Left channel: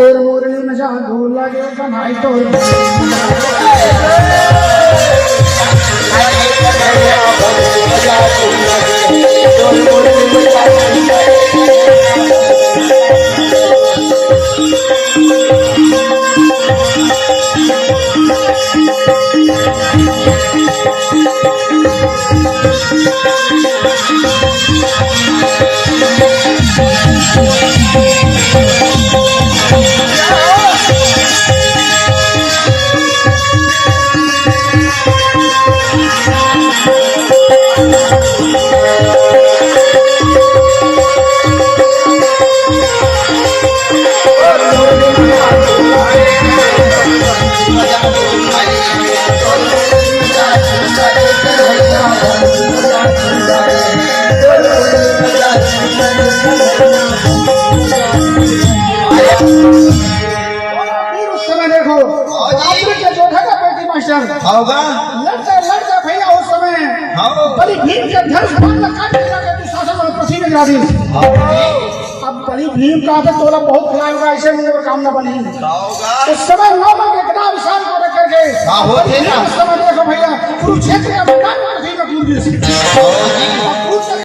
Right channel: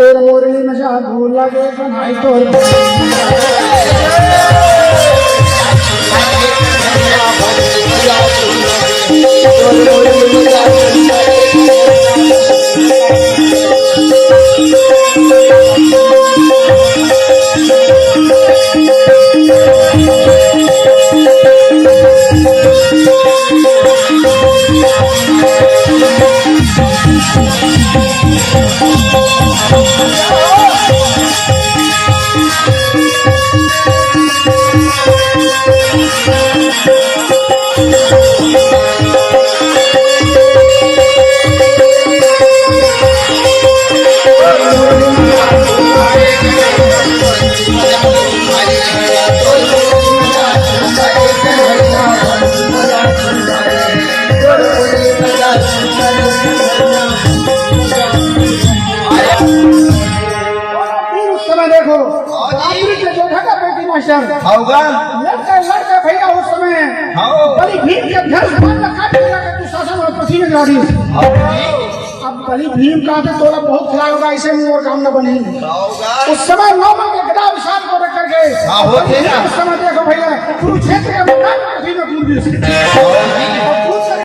तोर मुरली में जा धूल लगे बनाई तोर लड़का भैया उस समय बड़ी भीम के धनुष बाण काटने लगा तू शासन में पसीने लगी। अब बड़ी भीम का तो तोला बहुत खिलाया होगा, ऐसे में और काम न बने। उस समय नौ के गदा विशाल को रख करके उस समय देखो भैया कुरुक्षेत्र